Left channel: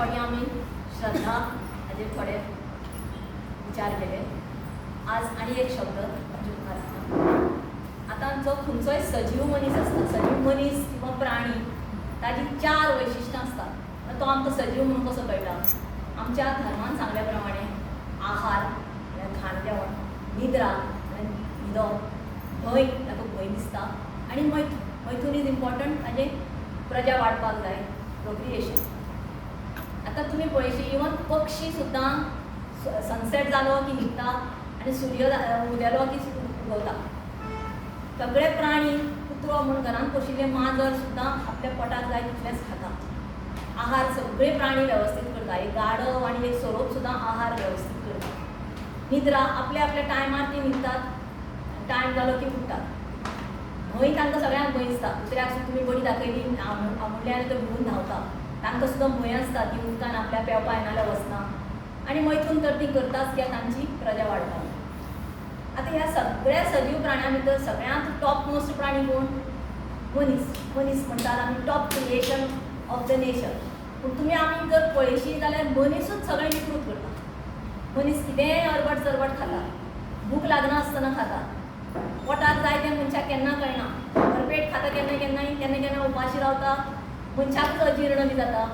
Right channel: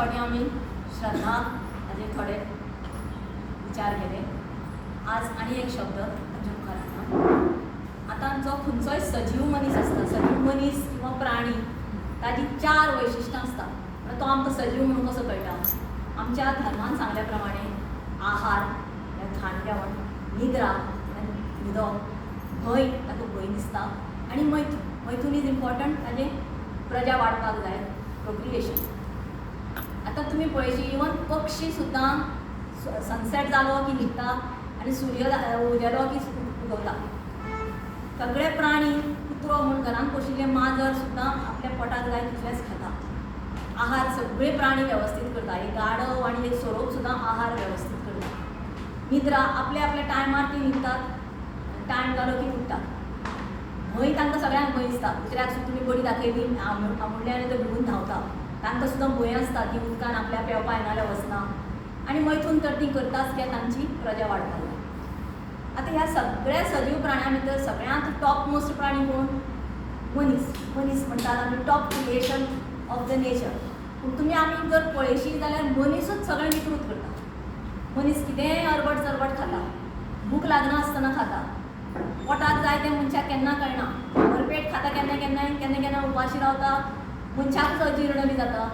फावटी आमी श्रद्धा हाजेर थोडे विचार केले. आज आनी एक शब्द ताचे मुखार येता. आतां जो खंयचोय सजीव मनीस आसता, सजीव मनीस किंवा प्राणी, ताची 4 वैशिश्ट्यां आसता. तो आमकां सजीव म्हणून कसो कळटा? आमच्या धर्मान सांगल्या प्रमाणे आहार म्हळ्यार खाण जेवण, निद्रा म्हळ्यार न्हिदप, भंय तातूंत भंय दिसता, आनी मैथून इज इम्पॉर्टंट ताजें प्रजा वाडपाक जाय, प्रोक्रिएशन. आतां तुमी पळयशी इवन पक्षी सुद्दां सनसेट जालो की न्हिदता आनी सूर्य उदेलो की उगवता. सगळे प्राणी, कुत्रो म्हूण घरांत पोशिल्ले माजर सुद्दां आपल्या पोटाक जाय तितलेंच खाता. आहार सगळे प्राणी वेवस्थीत करता. एक गाढव आनी एक सोरोप सुद्दां आहार वेवस्थीत करता. निद्रा आपल्या आपल्या टायमार ती न्हिदतात, टायम जालो की उठतात. भंय तांकां सगळ्यांक भंय दिसता. दुसऱ्याक सुद्दां तुमी बडी दाखयली आमुडले आनी ते भिवून धांवता. तांकां सुद्दां भंय आसता की उदकान आपल्या पेंवपा येना जाल्यार वचना. आनी मैथून तर ती करताच कित्याक तांची प्रजा वाडपाक. आतां ह्या सगळ्या सजीव प्राण्यां भितर सगळ्यांत टॉप मोस्ट प्राणी कोण? मनीस म्हणटात आमी top creation of the nature. पूण तुमी आमी जर पळयशी जाल्यार मनीसूच सगळें विकृत करता. मनीस कितेंय अरबट चरबट खाता, भूक लागना आसतना खाता, पोटाक जाय तें मनशाक केन्ना कळना, भरपेट खाता केन्ना केन्ना उपाशी रावता, मनशाकूच अजीर्ण बी जाता.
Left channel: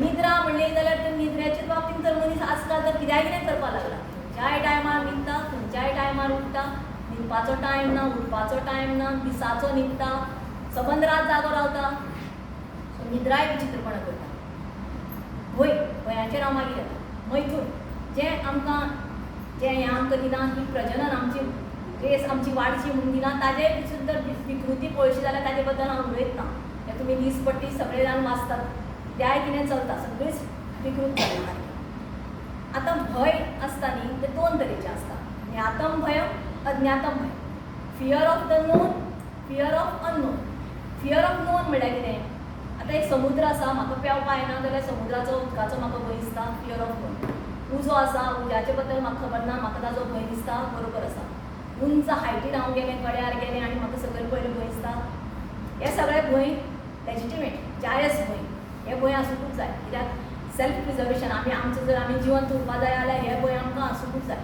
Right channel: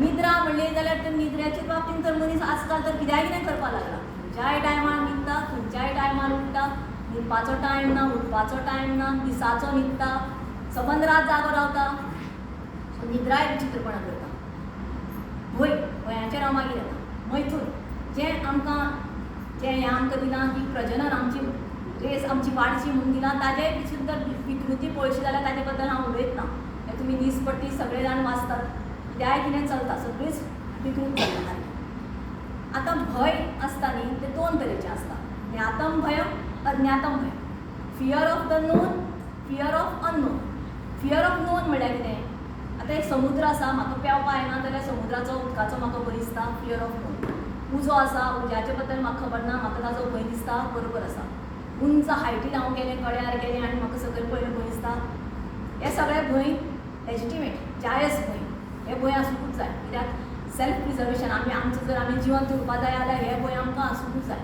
निद्रा म्हणली जाल्यार ते निद्रेच्या बाबतींत तर मनीस आजकाल तर कितें करपाक लागला. खंयच्याय टायमार न्हिदता, खंयच्याय टायमार उठता, न्हिदपाचो टायम ना, उठपाचो टायम ना, दिसाचो न्हिदता, सबंद रात जागो रावता. सो निद्राय विचित्रपणां करता. भंयाचेर हांव मागीर येता. मैथून जें हें आमकां दिलां की प्रजनन आमची रेस आमची वाडची म्हणून दिलां, ताजे सुद्दां विकृती पळयशी जाल्यार ताजे बद्दल हांव उलयत ना. हें तुमी दिसपट्टी सगळे जाण वाचतात. जाय कितें चलता सगळीच विकृत जाता. आतां भंय आसता न्ही ते 2 तरेचे आसता. ज्ञातम भय, अज्ञातम भय. Fear of the known, fear of unknown. Fear of known म्हळ्यार कितें? आतां एक समुद्र आसा, म्हाका पेंवपा येना जाल्यार समुद्राचो उदकाचो म्हाका भंय दिसता, फियर ऑफ नोन. उजो आसा, उज्याचे बद्दल म्हाका खबर ना, म्हाका ताजो भंय दिसता, बरोबर आसा. उंच हायटीन हांव गेलें, गड्यार गेलें आनी म्हाका सकयल पयलें भंय दिसता. हे सगळे भंय लेजिटिमेट, जायज भंय. हे भंय आसूंकूच जाय. कित्याक सेल्फ प्रिजर्वेशन आमचो जर आमी जिवंत उरपा जाय जाल्यार हे भंय आमकां आसूंकूच जाय.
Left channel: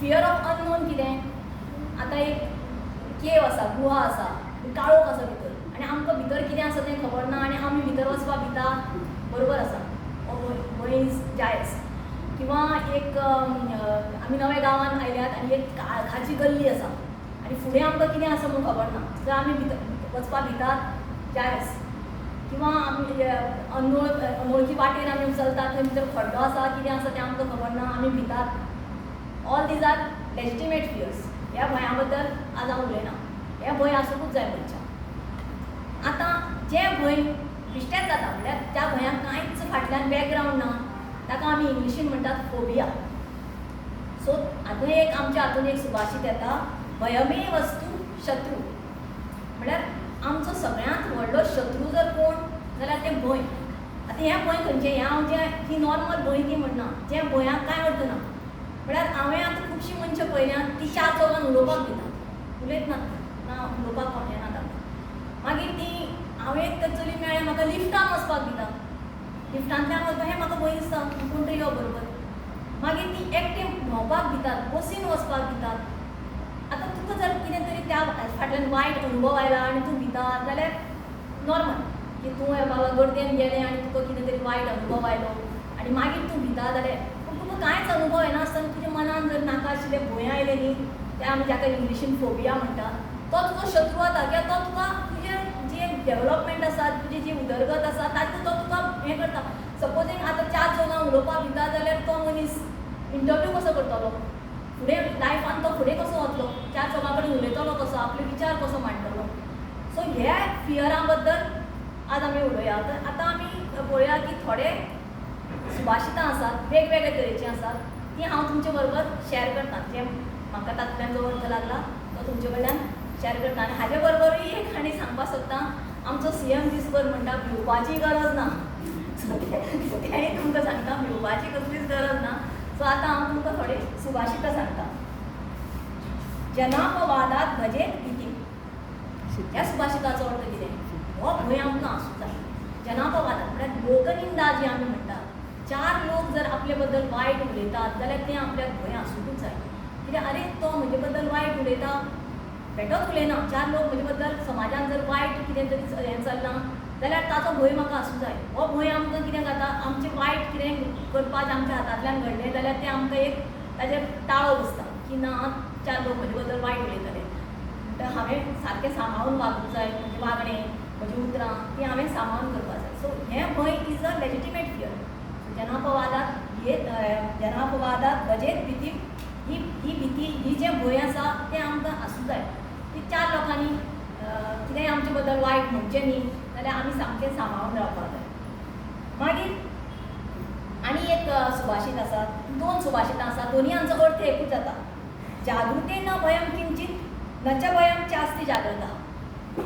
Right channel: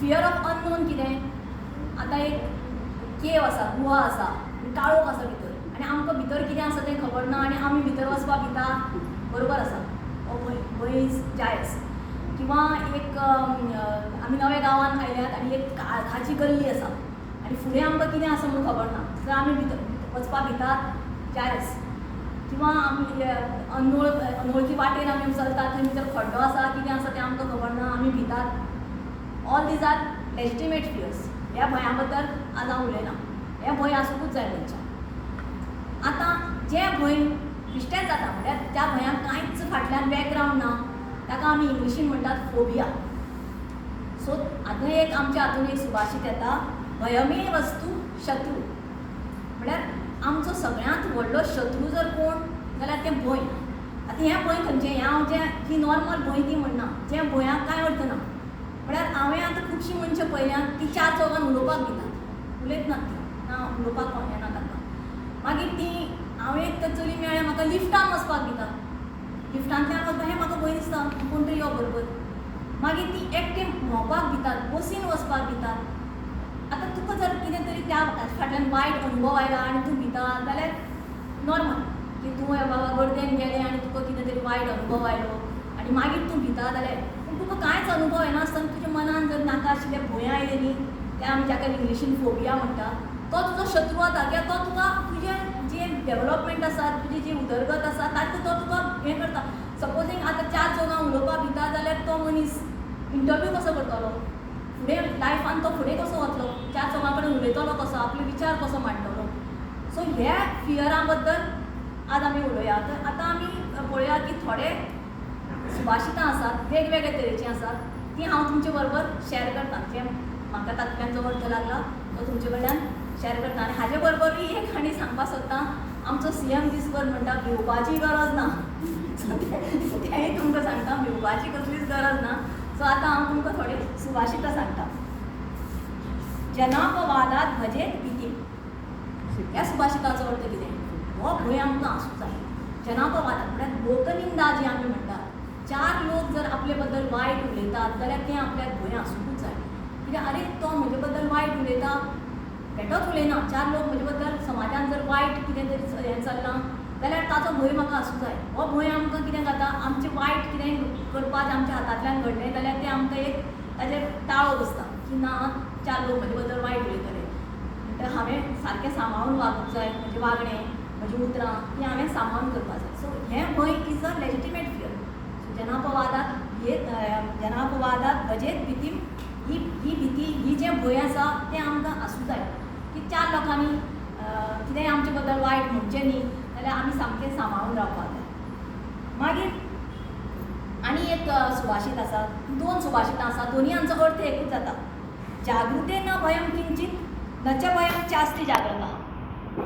फियर ऑफ अननोन कितें? आतां एक केव आसा, गुहा आसा, काळोख आसा भितर, आनी आमकां भितर कितें आसा तें खबर ना आनी आमी भितर वचपाक भिता, बरोबर आसा. हो भंय इज जायज. किंवा एक आमी नव्या गांवांत आयल्यात आनी एक खाची गल्ली आसा आनी फुडें आमकां कितें आसा म्हूण खबर ना, जर आमी भितर वचपाक भितात, जायज. किंवा आमी अनवळखी वाटेन आमी चलतात, थंय भितर खड्डो आसा, कितें आसा तें आमकां खबर ना, आमी भितात. All these are legitimate fears. ह्या भंया बद्दल आज हांव उलयना. हे भंय आसूंकूच जाय मनशाक. आतां जें भंय बिश्टेच जाता म्हळ्यार त्या भंयाक कांयच फाटल्यान बॅकग्रावंड ना, ताका आमी इंग्लिशीन म्हणटात फोबिया. सो आतां एक आमच्या हातून एक सुभाशीत येता, भयमे वस्तू शत्रू. म्हळ्यार आमचो सगळ्यांत व्हडलो शत्रू जर कोण जाल्यार तें भंय. आतां हें भंय खंयचें? हें हांव जी नॉर्मल भंय ती म्हणना, जें भंयाक कांय अर्थ ना. म्हळ्यार हांवें आतां खुबशीं मनशां पळयल्यात ती 4 चौगांत उलोवपाक दितात, उलयत नात ना, उलोवपाक येना तांकां. मागीर ती हांवें एक तर चली मेळ्ळें, म्हाका लिफ्टान वचपाक दिता. लिफ्टांतल्यान वचपाक हें म्हाका भंय दिसता, कोण तरी यो बरोबर. मागीर ती एकटें भोंवपाक दितात, बसीन वचपाक दितात. आतां तुका जर कितें तरी त्या फाटल्यान वायट अनुभव आयला आनी तूं भिता जाल्यार नॉर्मल, की तूं बाबा गर्देन गेलें आनी तुका कितें तरी वायट अनुभव आयलो आनी मागीर तूं भिता जाल्यार, पूण तुका कांयच अनुभव येना आसतना तुज्या मनान जर नाका आशिल्लें भंय आयलें न्ही, तें आमी जाका इंग्लिशीन फोबिया म्हणटा, तो तुजो शत्रू जाता. कित्याक तो तुका तुजें जें डेवलपमेंट आसा, तुजी जी उदरगत आसा तातूंत तो तुका हें करता. सपोजींग आतां 4 चौगांत उलोवपाक भिता जाल्यार तो मनीस इंटरव्यू कसो करतलो? फुडें लायफान तो फुडें कसो वतलो? 4 चौगां कडेन उलयतलो कसो? आपले विचार कसो मांडटलो? सो ह्या फियरा बद्दल आज आमी उलोवया. आतां आमी पळोवया की थोडे सुभाशितां आसात, वेगवेगळे तरेचीं आसात, तीं हांव तुमचे बरोबर शेअर करतां. जें म्हाका तातूंतल्यान जो अर्थ लागला तो तुमचे कडल्यान शेअर करता. आनी हाजे बरोबरूय एक आनी सांगपाक सोदतां, आमचो CM दिसभर म्हणटा भिवपाची गरज ना. तेंय तुमकां सांगता, भिवपाची कसलीच गरज ना. सो आतां हांव तुमकां थोडे सुभाशितां सांगता. जनापवादात भजेत भीती. ह्या सुभाशिताचो अर्थ कितें? हो भंय आमकां आसूं जाय. जनापवादात म्हळ्यार लोकनिंदा जी आमी म्हणटात, 4 लोक जर आपले बद्दल वायट उलयतात जाल्यार तें आपल्याक भंय आसूंकूच जाय. कित्याक आरे तो म्हजे बद्दल वायट उलयता, बेठोच उलयना, 4 लोक म्हजे बद्दल समाजान जर वायट कितें तरी हें चल्लां जाल्यार ताचो भंय म्हाका आसूं जाय. हो भंय आमकां कितें जाता, आमचें वायट कितें करपाक आमच्या हातांतल्यान घडलें जाल्यार तें आमकां एक ताजेर ताळो बसता की ना 4 लोक म्हजे बद्दल वायट उलयतले. म्हणटकीर हांवें सारकें सांबाळून वागूंक जाय, म्हजें वागणें, म्हजीं उतरां ती हांवें सांबाळून करपाक जाय. सो हें भंय इज अ लेजिटिमेट फियर. जनापवादात वजेत भीती ही भीती ही जें भंय आसा तें आमकां आसूं जाय की 4 लोकांनी कितेंय आमचे बद्दल वायट म्हणचें न्ही जाल्यार आमी सामकें सांबाळून रावपाक जाय. मागीर आनी एक सुभाशीत आसा, 2 सुभाशितां आसा, दोनूयांचो अर्थ एकूच जाता. जागृते न भयम किंचित न च भयम चास्ति जाग्रतः.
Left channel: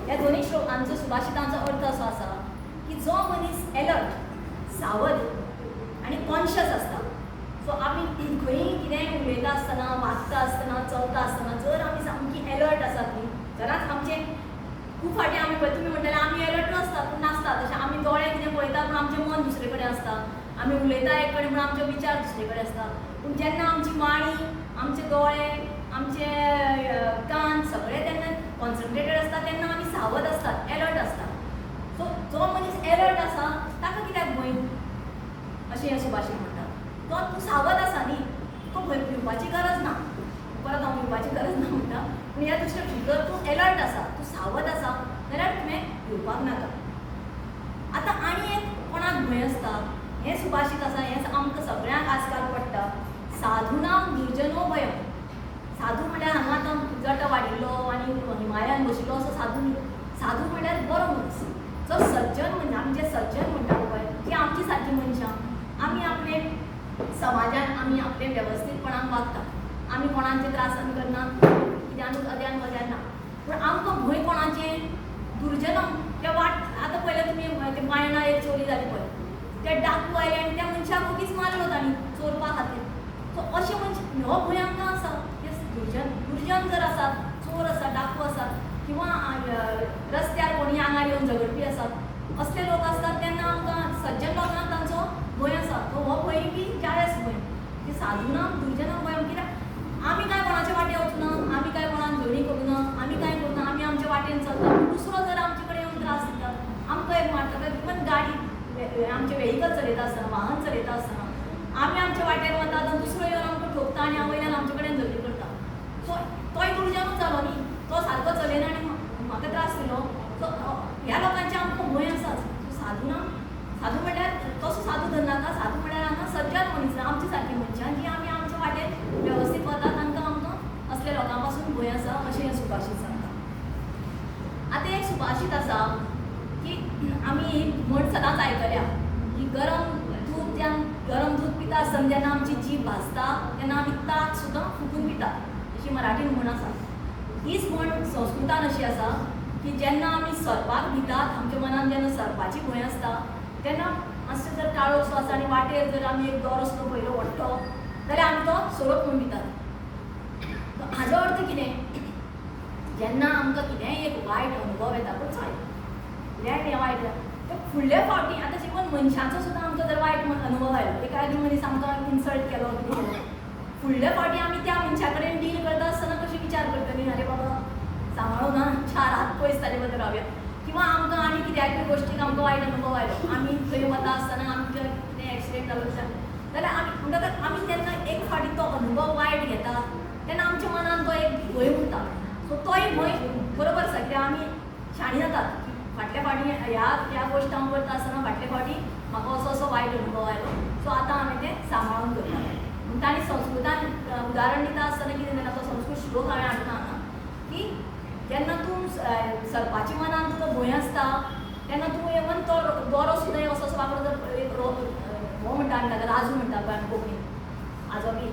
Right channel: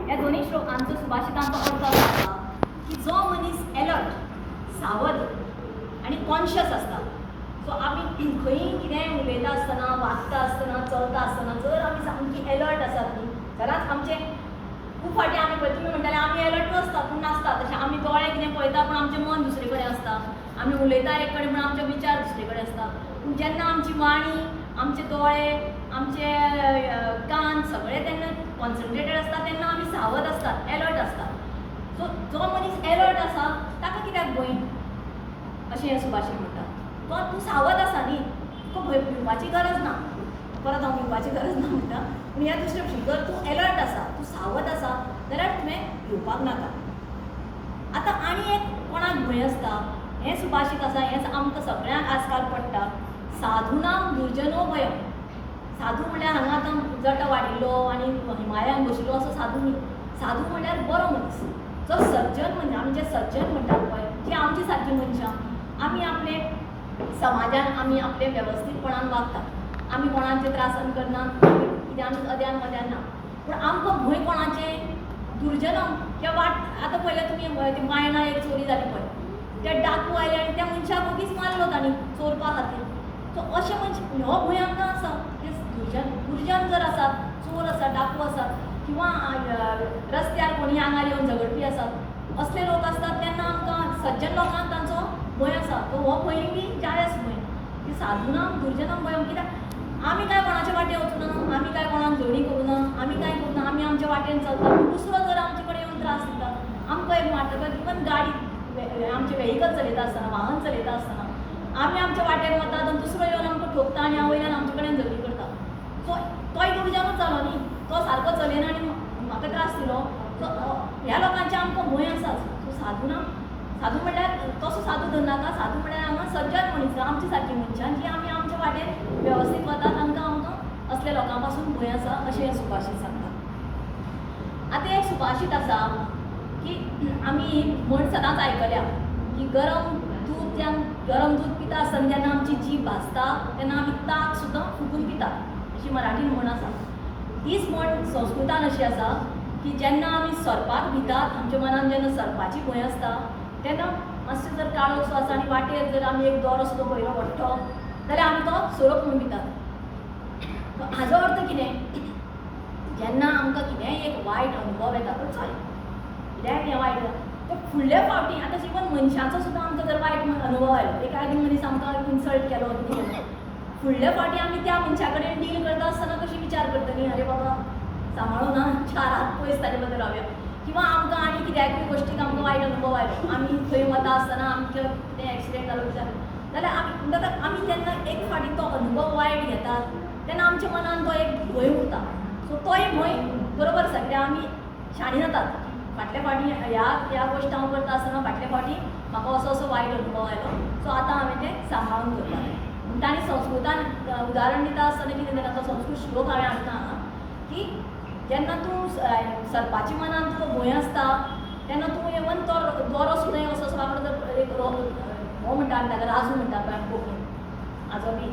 ह्या दोनूय श्लोकांचो सुभाशितांचो अर्थ असो आसा की जो मनीस अलर्ट, सावध आनी कॉन्शियस आसता, सो आमी खंयी कितेंय उलयता आसतना, वागता आसतना, चलता आसतना जर आमी सामकी अलर्ट आसात न्ही जाल्यार आमचें खूब फावटी आमी पळय तुमी म्हणटाले आमी अलर्ट नासता पूण नासता, तशें आमी दोळे कितें पळयता पूण आमचें मन दुसरे कडेन आसता, आमी उलयता एक कडेन पूण आमचे विचार दुसरे कडेन आसता. पूण जेन्ना आमची वाणी, आमचे दोळे, आमचे कान सगळें तेन्ना कॉन्सन्ट्रेटेड आसता तेन्ना आमी सावध आसतात, अलर्ट आसतात. सो जो मनीस अलर्ट आसा ताका कित्याक भंय अशें हें सुभाशीत म्हणटा. तो तूं सावध आसा न्ही, तुका भंय भिवपाची गरज ना. परत हांव भिवपाची गरज ना म्हणटा पूण ह्या दुसऱ्या जर तूं अलर्ट आसा, तूं सावध आसा जाल्यार तुवें भिवपाक नाका. आतां आनी एक कोणाक भंय आसता, हें सुभाशीत आसा, हें आमकां सगळ्यांक आजकाल पडटा. साधूनां दुर्जनो भयम. साधू म्हणल्यार हांगा आतां जटो वाडिल्लो आनी हिमालयान बशिल्लो असो साधू न्ही. साधू म्हणल्यार बरो मनीस. जो सज्जन म्हणजे आमी जे सज्जन म्हणटा पळय की आमची सारकी मनशां, आमी आपले समाजान आमी आपले वेवस्थीतपणान वागतात. आमी कोणाचे त्रासान करना, कित्यानूच अद्यान मद्यान ना. पूण आमकां भंय कोणाचें, दुर्जनां. त्या आतां पयलें तुमी मायणार एक चोरी जाली पळय, ते डाकू आयले आनी त्या मनशाक मगीच मारलो तांणी चोरपा खातीर. सो अशें मनशां हो भंय आमकां आसा. दुर्जन जर आसात, चोर आसात, डाकू आसात किंवा रस्त्यार कोणी आंगार येवन झगडपी आसात, असले लोक आसतात तेन्ना आमकां सज्जन लोकांक तांचो भंय आसा. तो हो भंय बी जायज भंय की साधूनां दुर्जनां भयम. कित्याक आमी काय कोणाचे वाटेन वचूना, आमी काय कोणाक झगडी करूना, आमी काय करूना, आमी आमच्या वाटेन चलता. दुसरो जर आमचे कडेन येवन त्रास दिता, आमकां एक मारता, इवन गाडी आमचे वेहिकल चलयता आसतना, वाहन चलयता आसतना आमी आमच्या वाटेर वतात आनी दुसरो येवन आमकां ठोकता आनी वयल्यान आमचे कडेन झगडी करता. सो तोय दुर्जनूच जालो न्ही, तो सारको चलयना आनी म्हाका त्रास दिलो. सो ह्या लोकांचे आमकां भंय आसाच. सो साधू म्हणल्यार तसो साधू धरनाका. साधू म्हणल्यार हांगा सज्जन मनीस, आमची सारकी मनशां जी आमी आमच्या वाटेन वेवस्थीत वतात, तांकां आमकां असल्या लोकां पासून भंय आसा अशें हें सुभाशीत सांगता. आतां एक सुभाशीत आसा की आमी ही म्हण सदांच आयकल्या की गरम दूद पिता आसतना जेन्ना आमची जीब भाजता तेन्ना आमी ताक सुद्दां फुकून पितात, अशी मराठीन म्हण आसा. हीच म्हण संस्कृतान अशी आसा की जेन्ना आमी सरपाक भितात, आमच्या मनान जेन्ना सरपाची भंय आसता तेन्ना मातशें जर काळोख सो आसा आनी वाटेर जर आमी एक दोरो सुद्दां पयलो व्हडलो जाल्यार आमी तो सोडप म्हूण पितात. हाजो अर्थ कितें, जेन्ना आमकां कितेंय एक वायट अनुभव येता पळय, चल कितेंय तें वायट ते फुडले फावटी आतां इवन मनशांचो सुद्दां आमकां जर वायट अनुभव आयलो, एखादी मनीस आमकां इन्सल्ट केलो कितें केलो, फुडले फावटी आमी त्या मनशा कडेन डील करता आसतना कशी विचार करतली, अरे बाबा सांबाळून हा 4 हात पयस ताजे बद्दल रावया. किंवा आमकां आनी कित्याकूय गोश्टीक आमकां वायट अनुभव आयलो, आमी थंय वता आसतना आमचें कितें एक्सिडेंट जालो विचार जाल्यार म्हणटकच आमी जेन्ना एक फावटी तो अनुभव वायट घेतात तेन्ना आमच्या मनान तो एक भंय उरता. सो तोय भंय बरोबर आसा, कित्याक आमी शाणी जातात. फाटल्या फावटी ह्या गोश्ट हांव करता आसतना फाटल्या फावटी म्हाका असो वायट अनुभव आयलो, सो आतां हांवें तें सांबाळून करपाक जाय. म्हणटा आनी संस्कृतान उदाहरण दिता आसतना कितें जाता, तो संस्कृत श्लोक हांवें हाडटा हांगा की जेन्ना तूं सरपाची मनान तुका भंय आसता तेन्ना तूं इवन तो दोरो सुद्दां असो वांकडो जर एक हो म्हणटा आमी ताका राजू म्हणटा पळय आमी कोंकणीन, हाजो बी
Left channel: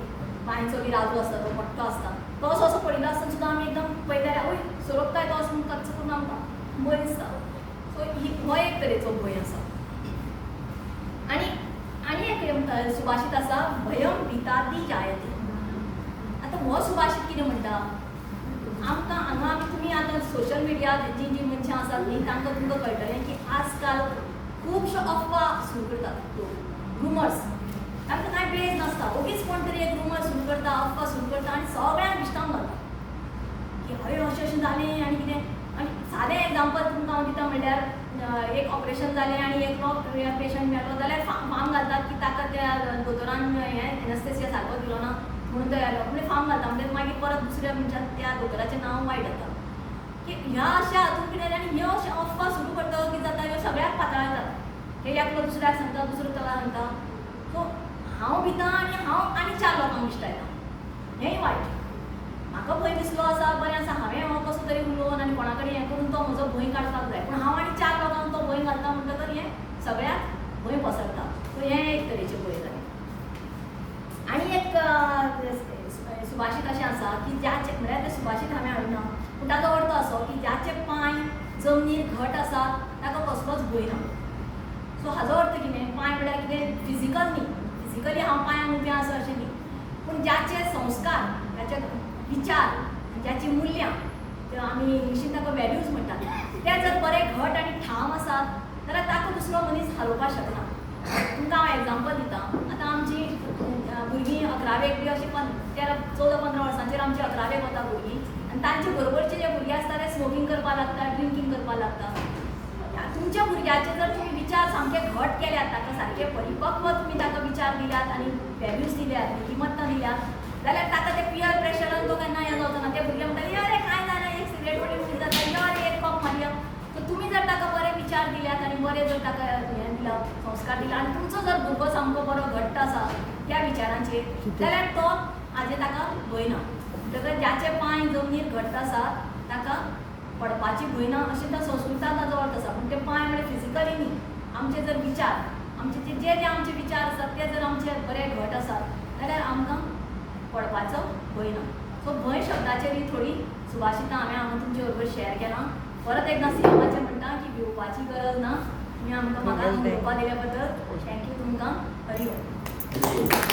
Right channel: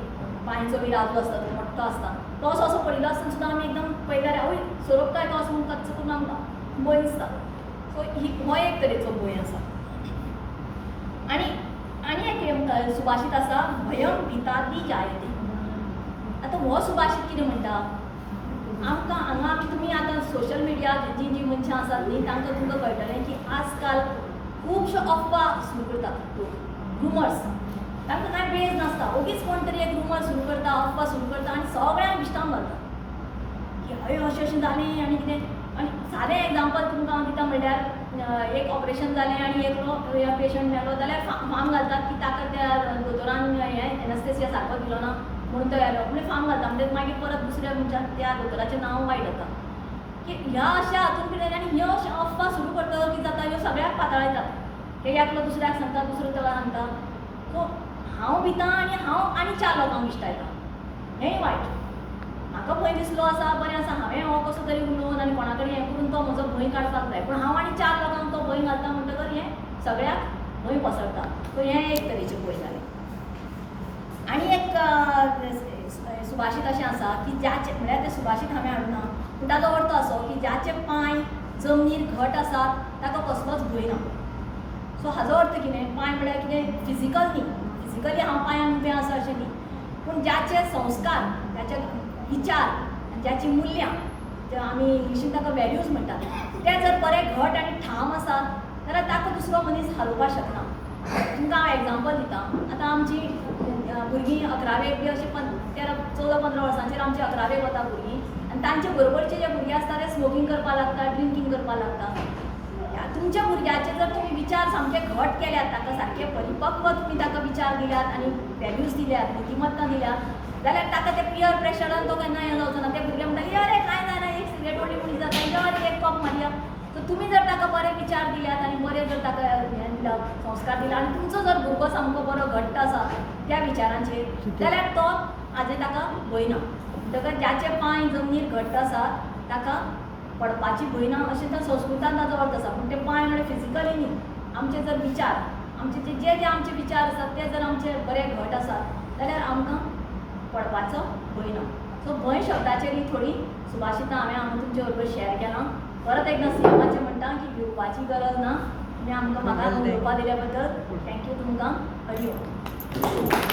बांयचो बी राजू आसता तो मोठो आसता, तो असो पडिल्लो आसतना सुद्दां आमी एकदम पळयताले आवय सोरोपताय तो असो म्हणून कच्च करून आमकां भंय दिसता. सो हो एक तरेचो भंय आसा. आनी एक सुभाशीत आसा, भयम भिताती जायते. आतां हो सुभाशीत कितें म्हणटा, आमकां हांगा तुमी आतां सोशल मिडिया जी मनशां आसात न्ही तांकां तुमकां कळटलें की आजकाल खूब अफवा सुरू करतात, रुमर्स. तांकां कांय बेज नासता, ओगीच कोण तरी एक रुमर सुरू करता, अफवा सुरू करता आनी सगळ्यांक विश्वास घालता की हय अशें अशें जालें आनी कितें. आनी सादें एग्जांपल तुमकां हांव दिता म्हणल्यार एक ऑपरेशन जालें आनी एकलो पेशंट मेलो जाल्यार फार्म घालतात की ताका त्या दोतोरान हें एनास्थेसिया सारको दिलो ना म्हणून तो येलो, म्हणजे फार्म घालता म्हणजे मागीर परत दुसऱ्या मनशाक त्या दोतोराचें नांव वायट जाता. की ह्या अशा हातूंत कितें आनी ह्यो अफवा सुरू करतलो कितें जाता, ह्यो सगळ्याक पातळायतात. ते एकलो दुसऱ्याक सांगता, दुसरो ताका सांगता. सो हांव भिता आनी हांव आनी 4 लोकांक विश्टायतां, हेंय वायट. म्हाका भंय दिसलो आसा, बरें आसा, हांवें हो कसो तरी उलोवन आनी कोणा कडेन हें करून तो म्हजो भंय काडपाक जाय, पूण हांव आनी 4 लोकांक तो भंय घालता म्हणटकर हें सगळ्याक भंय पसरता. सो हें एक तरेचें भंय जालें. आनी एक सुभाशीत अशें आसा की ज्याचे म्हळ्यार तें सुभाशीत हांवें हाडूं ना, पूण ताचो अर्थ असो की ज्याचे पांय जमनीर घट आसात ताका कसलोच भंय ना. सो हाचो अर्थ कितें, पांय म्हळ्यार कितें फिजिकल न्ही, फिजिकली हांव पांयान उबें आसा अशें न्ही, पूण ज्याचे संस्कार, ज्याचे विचार, ज्याची मुल्यां, जे आमी इंग्लिशीन ताका वॅल्यूज म्हणटात, ते जर बरे घट आनी ठाम आसात जाल्यार ताका दुसरो मनीस हालोवपाक शकना. तुमकां हांव एग्जांपल दितां. आतां आमची भुरगीं 11वेक बी अशीं 14-15 वर्सांचेर आमची 11वेक वता भुरगीं, आनी तांचे बरोबरचे जे भुरगे आसता ते स्मोकींग करपाक लागता, ड्रिंकींग करपाक लागता. तुमच्या भुरग्याचे जर तुमी विचार सामके घट केल्यात, ताका सारके परिपक्व तुमी ताका विचार दिल्यात आनी वॅल्यूज दिल्यात, नितिमत्ता दिल्यात, जाल्यार ताका ते पियर प्रेशरान तो केन्ना हें जावचो ना. ते भुरगे म्हणटा अरे कांय जायना, एक सिगरेट वडी म्हणली जाता, अरे एक कप मारया. सो तुमी जर ताका बरे विचार दिल्यात आनी बरे जर ताका हें दिला, संस्कार दिला आनी तुमचो जर भुरगो सामको बरो घट्ट आसा त्या विचारांचेर, जाल्यार तो हाजें ताका भंय ना. म्हणटकच ज्याचे पांय जमनीर घट्ट आसात ताका पडपाची भंय ना अशें त्या संस्कृतान ताचो अर्थ आसा. पूण ते पांय म्हळ्यार फिजिकली न्ही, आमचे जर विचार, आमचे जे आमचे विचार आसात ते जर आमचे बरे घट आसात जाल्यार आमकां पडपाचो भंय ना. सो भंय शब्दाचेर थोडी सुभाशितां हांवें तुमचे बरोबर शेअर केलां. परत एकदां सीएमाचें म्हणटा की भिवपाची गरज ना. तुमी आमकां म्हाका उलोवपाक दिल्या बद्दल थँक्यू तुमकां. हरि ओम.